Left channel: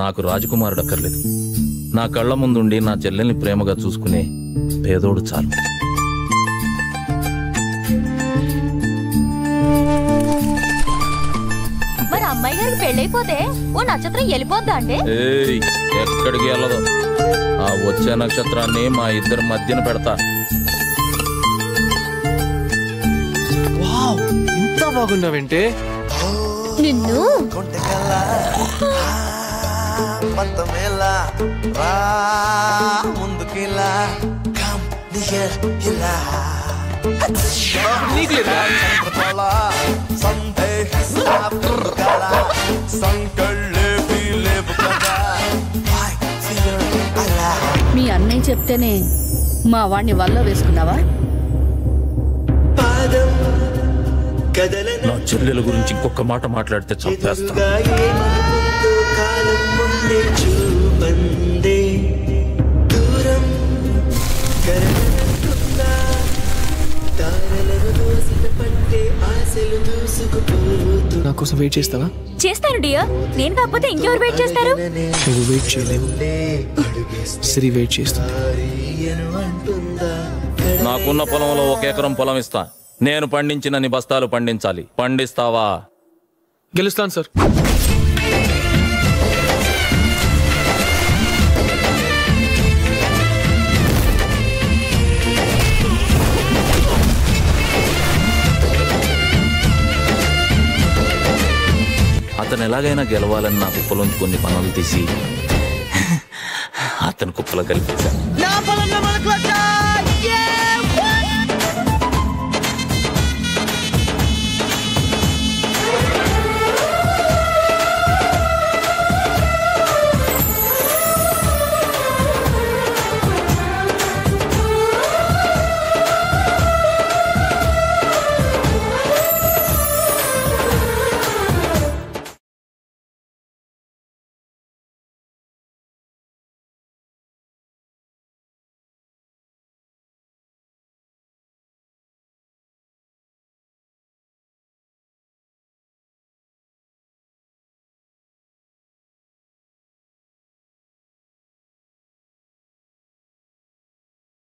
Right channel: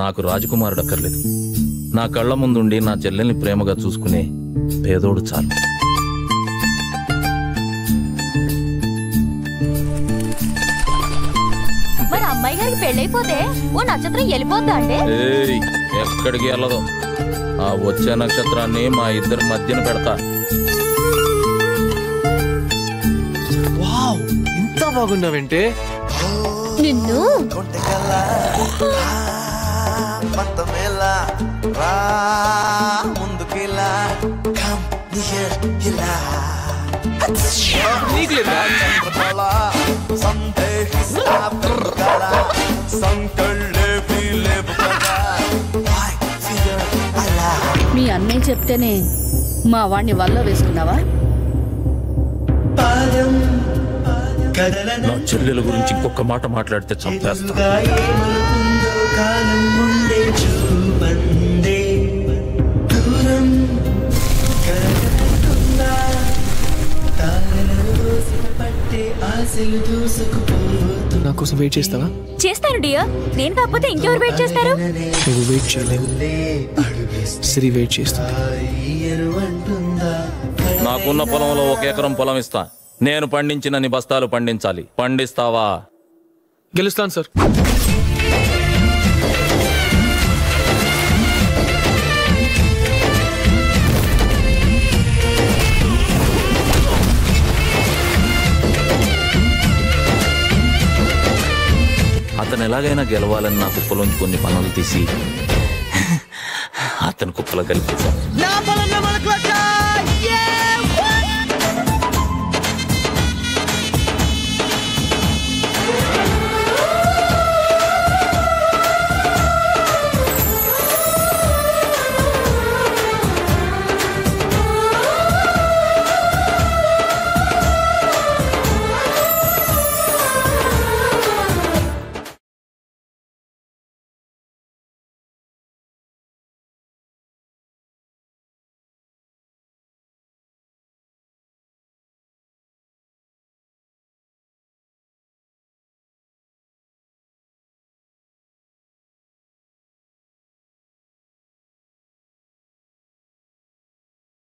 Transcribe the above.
నాకు రాజకుమారుడు అక్కర్లేదు. నా కళ్ళ ముందుండి నా చెల్లెల్ని ప్రేమగా చూసుకునే పేదోడు చాలు. మరి అమ్మాయి గారికి పెళ్ళైపోతే ఓ నక్షత్రం వెళ్ళిపోద్దా అంటే? ఎక్కడికి వెళ్ళదు. ఆ వచ్చే నక్షత్రాన్ని మా ఇద్దరి మధ్యన పెడతా. ఇంత బాగున్నావంటే నిన్ను మీ అన్నయ్య చెప్తేనే మా వాణ్ణి వల్ల వేసుకున్నావా? నా చెల్లెల గురించి ఇంకొక మాట మాట్లాడితే చంపేస్తా. నా కోసం వెయిట్ చేస్తావా? చేస్తాను డియర్. నేను కాకపోతే ఇంకెవరు వెయిట్ చేస్తారు? నువ్వు వెయిట్ చేయలేవు, సిరి వెయిట్ చేస్తుంది. నాకున్న పొలంలో 1 ఎకరం పొలం ఇస్తా. నేను పండించినన్ని బస్తాలు పండించాలి. పండిస్తావా? గెలుస్తాను సార్. అతను ఎలాగైనా గెలవాలని నా కుప్పలోంచి కొన్ని పనులు తీసి అతని కుప్పలో కలిపేశాను.